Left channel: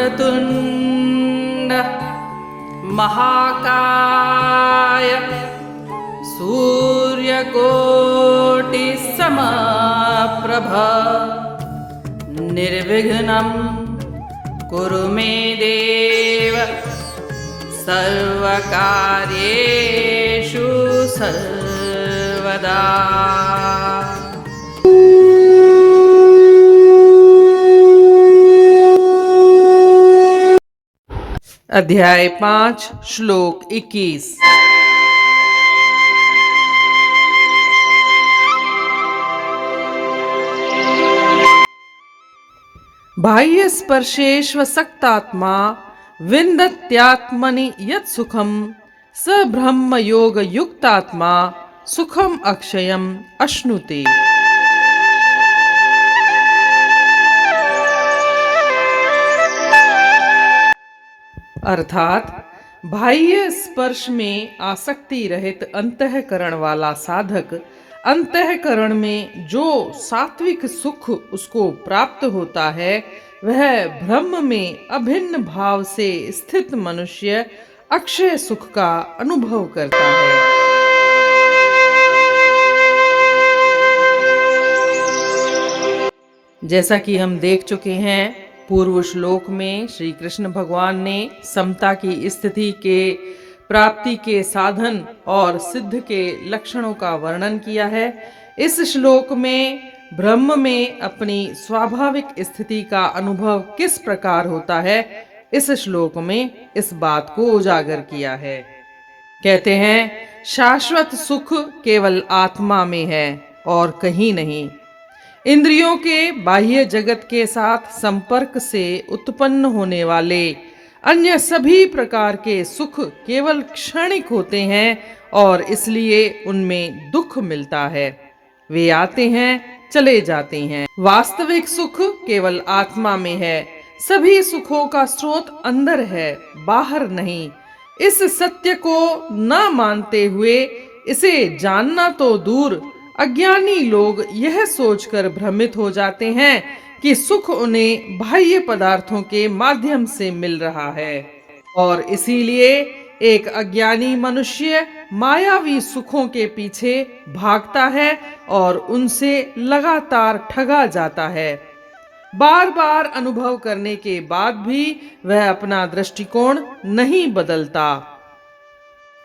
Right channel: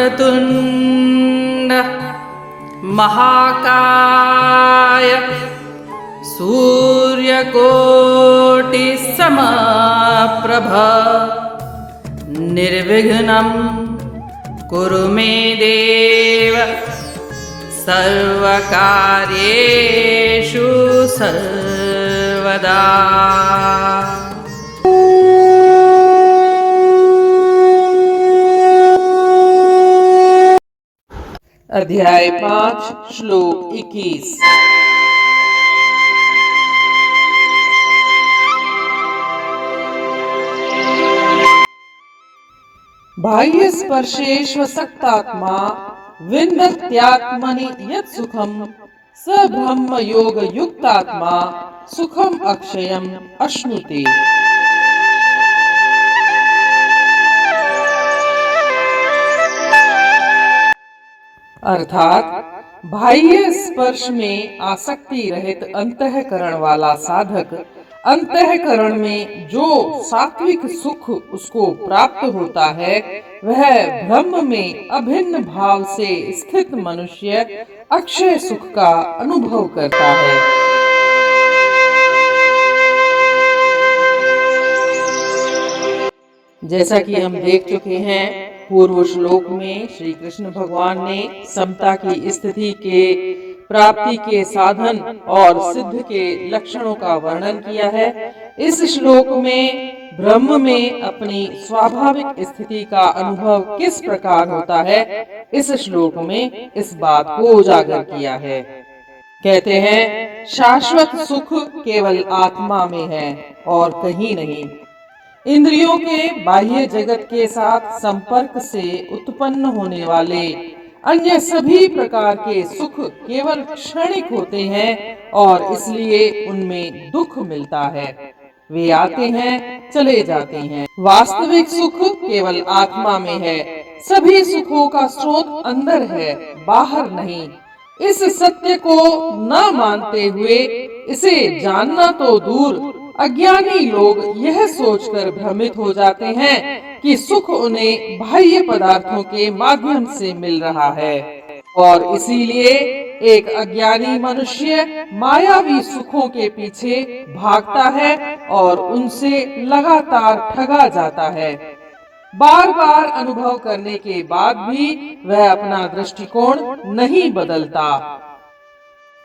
वक्रतुण्ड महाकाय सूर्यकोटिसमप्रभ निर्विघ्नं कुरु मे देव सर्वकार्येषु सर्वदा। अध्याय 5 श्लोक 21। बाह्य स्पर्शेष्वसक्तात्मा विन्दत्यात्मनि यत् सुखम स ब्रह्म योग युक्तात्मा सुखम अक्षयम अश्नुते। अर्थात बाह्य स्पर्श में आसक्ति रहित अंतःकरण वाला साधक अंतःकरण में जो सात्विक सुख उसको प्राप्त होता है वह ब्रह्म में अभिन्न भाव से स्थित मनुष्य अक्षय सुख का अनुभव करता है। जैसा कि हम देख चुके हैं, पूर्व श्लोक में श्री कृष्ण भगवान ने समता की स्थिति के प्राप्ति के साधन और सिद्ध के लक्षणों का वर्णन किया है। इस श्लोक में ब्रह्म में अपनी स्वाभाविक स्थिति का अनुभव किस प्रकार होता है, इस श्लोक में इस बात को उजागर किया है। कहते हैं, शाश्वत सुख केवल आत्मा में है और कहीं नहीं। इंद्रियों के बाह्य जगत के साथ संपर्क से उत्पन्न होने वाले अन्य सभी प्रकार के सुख केवल क्षणिक होते हैं और इसलिए उनमें दुख मिलता है। वे आते हैं, चले जाते हैं। वास्तविक सुख केवल आत्मा में है। सभी सुखों का स्रोत अंदर है, बाहर नहीं। इस सत्य को न मानते हुए इसे जानना तो दूर, अज्ञानी लोग यह सोचकर भ्रमित हो जाते हैं कि सुख उन्हें बाह्य पदार्थों के माध्यम से मिल रहा है और इसीलिए एक अज्ञानी मनुष्य मायावी सुखों के पीछे भागता है और उनसे लगातार ठगा जाता है। बार बार अनुभव करने के बाद भी वह अपना दृष्टिकोण नहीं बदलता।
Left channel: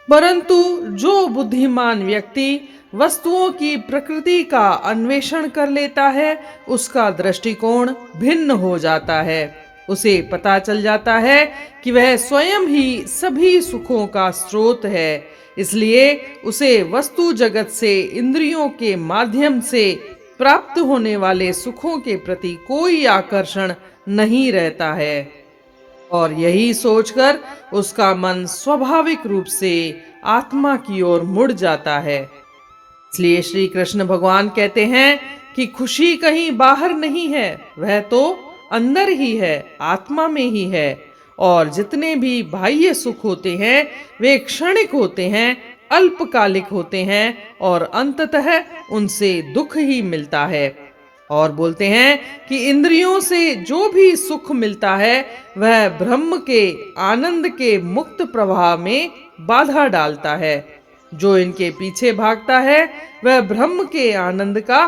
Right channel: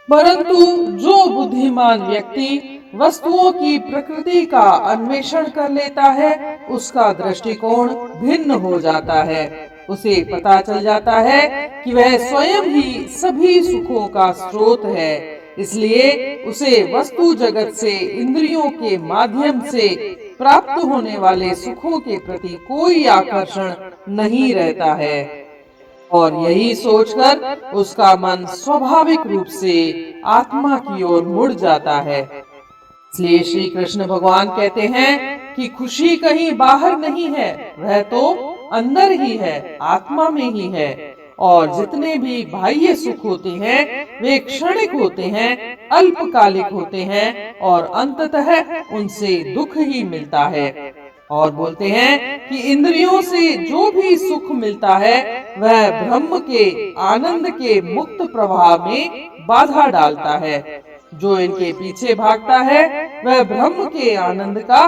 परंतु जो बुद्धिमान व्यक्ति वस्तुओं की प्रकृति का अन्वेषण कर लेता है, उसका दृष्टिकोण भिन्न हो जाता है। उसे पता चल जाता है कि वह स्वयं ही सभी सुखों का स्रोत है। इसलिए उसे वस्तु जगत से इंद्रियों के माध्यम से प्राप्त होने वाले सुखों के प्रति कोई आकर्षण नहीं रहता है और यही सोचकर उसका मन स्वाभाविक रूप से आत्मा की ओर मुड़ जाता है। इसलिए श्री कृष्ण भगवान कहते हैं कि खुशी कहीं बाहर नहीं है, वह तो अंदर ही है, आत्मा में ही है। और जितने भी बाह्य सुख होते हैं वे क्षणिक होते हैं, अल्पकालिक होते हैं और अंततः उनसे दुख ही मिलता है। और बोलते हैं कि इंद्रियों से जो भी सुख मिलता है वह ब्रह्म के आनंद के मुक्त प्रवाह में बाधा डालता है। जो इनके पीछे भागता है वह ब्रह्म के आनंद का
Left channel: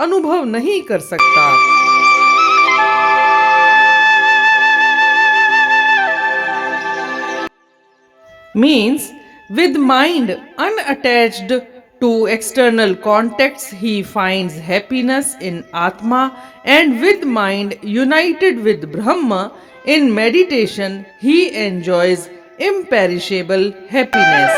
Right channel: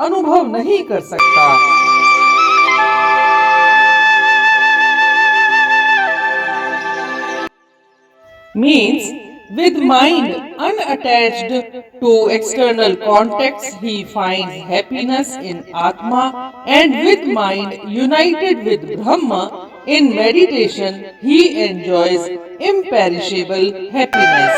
अनुभव नहीं कर सकता। Means, with mind unattached to external contexts, he finds happiness in Atma, and with mind united with Brahma in meditation, he enjoys imperishable happiness.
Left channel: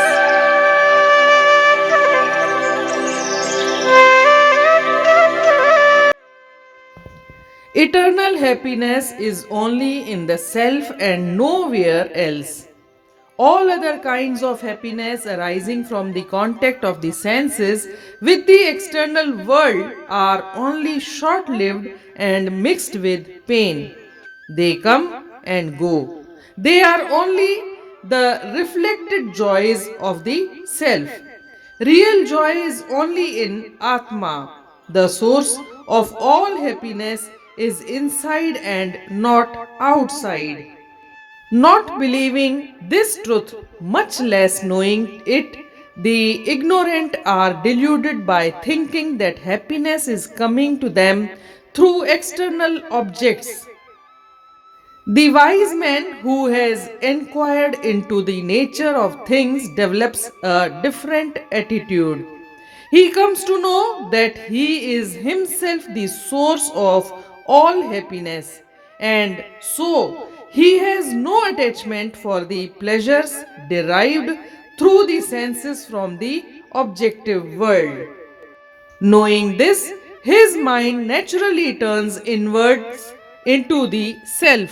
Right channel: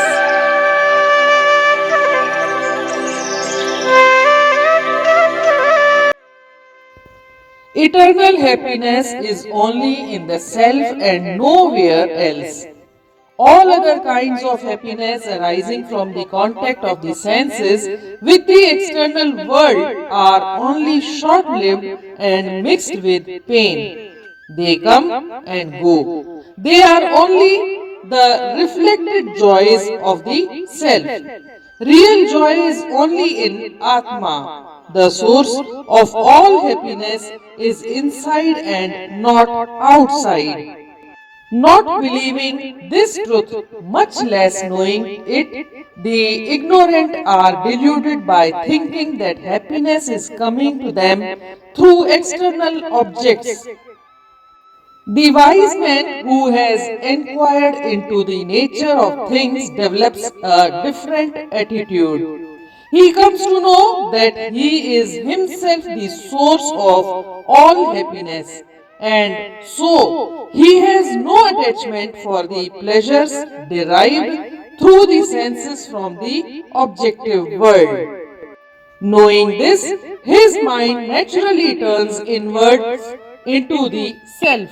Eternal happiness is only in the self and nowhere else. All other kinds of happiness arising from the contact of the senses with the external world are only short-lived and mixed with pain. They come and go. They are only the reflected joys of the self. Real joy is only in Atma. The source of all happiness is inside and not outside. Not believing this truth, much less knowing it, the ignorant are deluded by thinking that happiness is coming to them through external objects. The wise man who has inquired into the nature of things develops a different attitude. He comes to know that he is himself the source of all happiness, and so he has no attachment for the pleasures derived through the senses from the objective world. Knowing this, his mind naturally turns inwards into the self.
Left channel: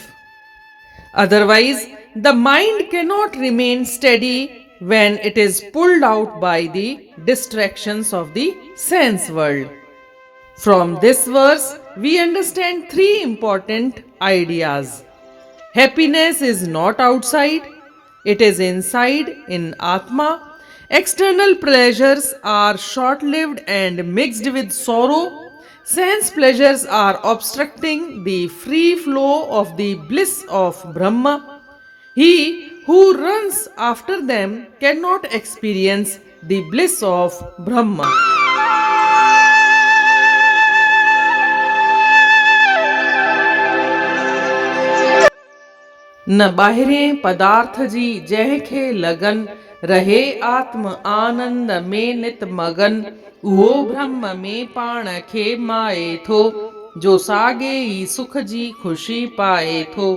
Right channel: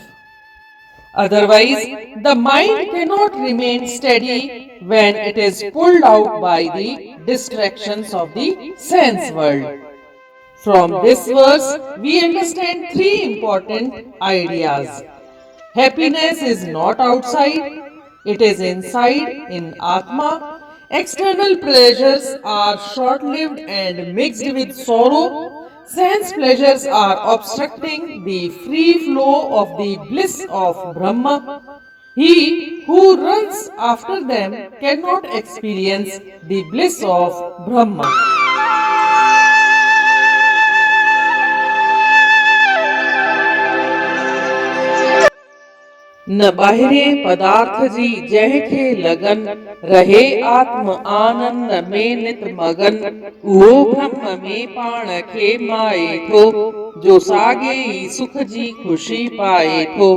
Otherwise, the mind cannot remain steady when it is pulled out by the distractions of the sense world. From this verse, we understand three important ideas. Happiness is not outside, it is inside in Atma. External pleasures are short lived and mixed with sorrow. Sense pleasures are obstructing the free flow of the bliss of Brahma. He who runs after them cannot experience the bliss of Brahma. न बाहिरे पदार्थ जी जंहिंखे लगन रहे आत्म आनंद में नित मगन उहो ब्रह्म में पाण खे माए थो जो साॻे ई सुख जी खुशी पाए थो।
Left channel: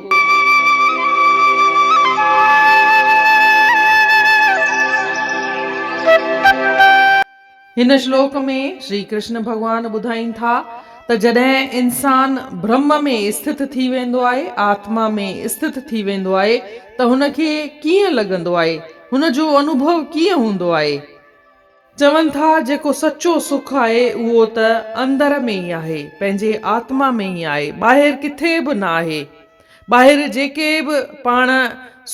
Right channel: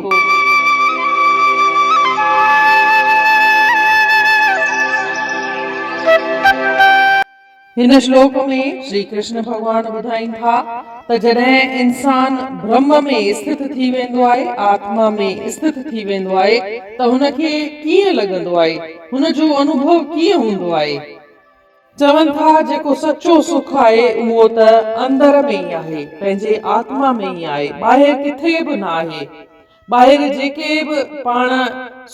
हिन श्लोक में श्री कृष्ण भगवान ॿुधाइनि था त जॾहिं इंसान ब्रह्म में स्थित थी वेंदो आहे, आत्मा में स्थित थी वेंदो आहे त हुनखे कीअं लॻंदो आहे, हुनजो अनुभव कीअं हूंदो आहे। चवनि था जेको सचो सुख आहे उहो त अंदर में ई आहे, पंहिंजे आत्मा में ई आहे, ॿाहिरि किथे बि न आहे। ॿाहिरि जेके बि पाण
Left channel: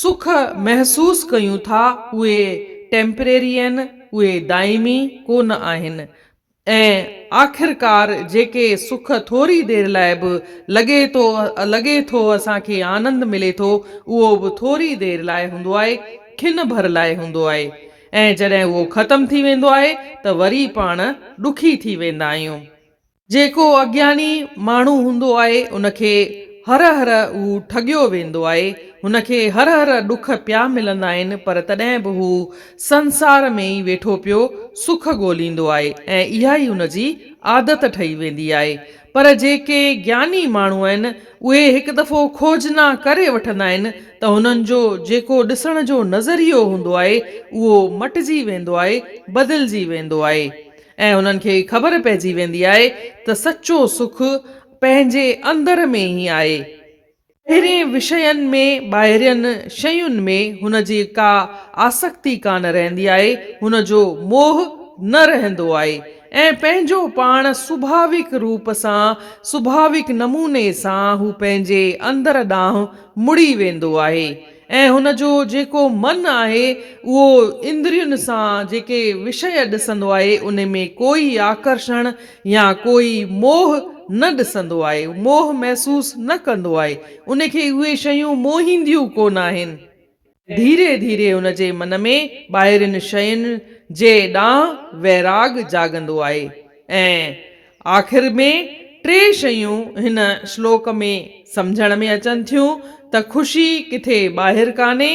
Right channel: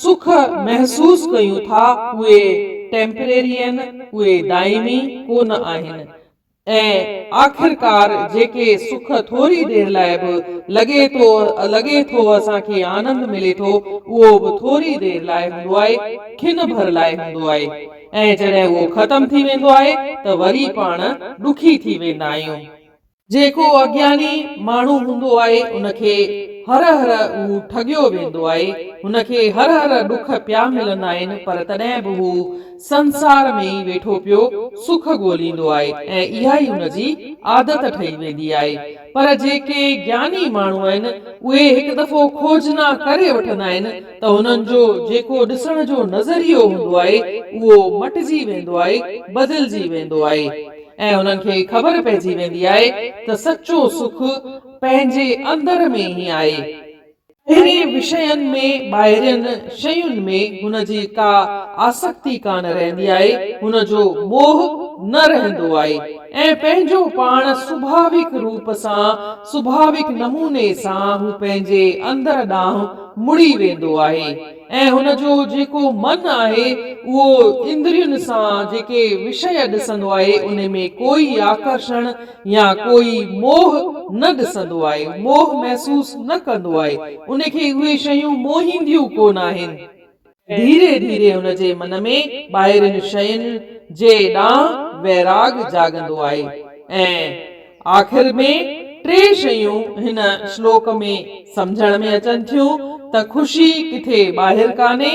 सुख महसूस कयूं था उहे टेम्परेरी आहिनि, उहे दाइमी कोन आहिनि। ऐं आख़िरकार जेके सुख थोरी देर लाइ बि लॻे थो असांखे आनंद मिले थो, उहो बि थोरी देर लाइ हूंदो आहे, खिन भर लाइ हूंदो आहे। ऐं जॾहिं उहो ख़तम थी वेंदो आहे त वरी पाण ॾुखी थी वेंदा आहियूं। जेको अज्ञानी माण्हू हूंदो आहे उनखे हर हर उहो ठगियो वेंदो आहे, हुनखे हर हर ॾुख पिया मिलंदा आहिनि, पर तॾहिं बि हू संसार में ई वेठो पियो सुख ॻोल्हींदो आहे ऐं इहा ई हुनजी आदत ठही वेंदी आहे। पर जेके ज्ञानी माण्हू आहिनि उहे हिकु दफ़ो खोजना करे वठंदा आहिनि त हुननि जो जेको ॾिसण जो नज़रियो हूंदो आहे उहो मटिजी वेंदो आहे, बदिलजी वेंदो आहे ऐं हुननि खे ख़बर पइजी वेंदी आहे त सचो सुख पंहिंजे अंदर में ई आहे। अहिड़े विषयनि में ॿाहिरियनि शयुनि में हुनजी का आसक्ति कान रहंदी आहे, हुनजो मोह न रहंदो आहे ऐं पंहिंजो पाण स्वाभाविक रूप सां, स्वाभाविक नमूने सां हू पंहिंजे अंदर ॾांहुं मुड़ी वेंदो आहे ऐं हुनजो जेको मन आहे उहो इंद्रियुनि सां जेके विषय ॾिसंदो आहे उन में कोई आकर्षण या कोई मोह न ॾिसंदो आहे, मोह महसूस न कंदो आहे, उनखे उहे शयूं मोहींदियूं कोन आहिनि। धीरे धीरे हुनजे मन में ॿाहिरियुनि शयुनि जे ॾांहुं वैराग जाॻंदो आहे ऐं आख़िर में टे शयूं हिन श्लोक में सम्झण में अचनि थियूं त ख़ुशी किथे ॿाहिरि कान्हे,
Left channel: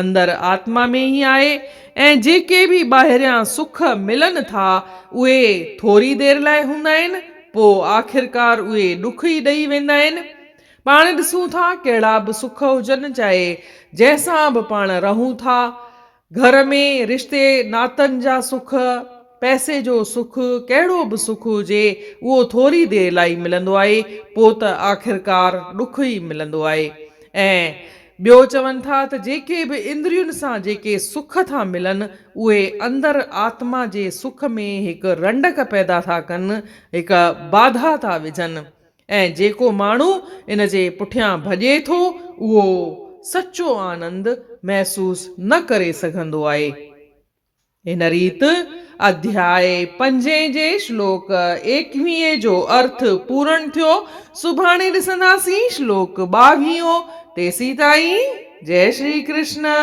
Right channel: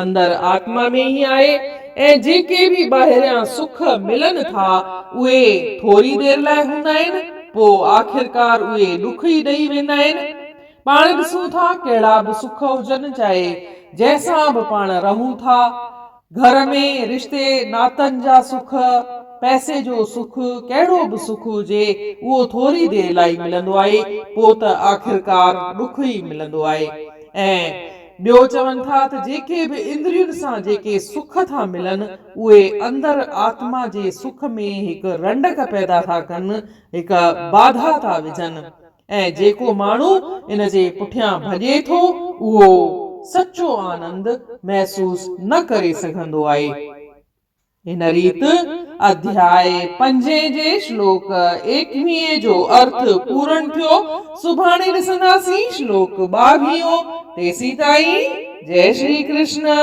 अंदर आत्मा में ई आहे ऐं जेके बि ॿाहिरियां सुख मिलनि था उहे थोरी देर लाइ हूंदा आहिनि, पोइ आख़िरकार उहे ॾुख ई ॾेई वेंदा आहिनि। पाण ॾिसूं था कहिड़ा बि सुख हुजनि, चाहे जंहिंसां बि पाण रहूं था, घर में रिश्ते नातनि जा सुख, पैसे जो सुख, कहिड़ो बि सुख हुजे उहो थोरी देर लाइ मिलंदो आहे, पोइ त आख़िरकार ॾुख ई मिलंदो आहे। ऐं ॿियो चवनि था त जेके बि इंद्रियुनि सां जेके सुख था मिलनि उहे अंदर आत्मा जे सुख में हिकु रंडक पैदा था कनि, हिकु बाधा था विझनि ऐं जेको माण्हू इन जे पुठियां भॼे थो उहो सचो आनंद महसूस न करे सघंदो आहे। इन रीति अध्याय 5 जे श्लोक 21 जो अर्थ पूर्ण थियो सुभाणे ॾिसंदासीं श्लोक 22 तेसी ताईं जय श्री कृष्ण।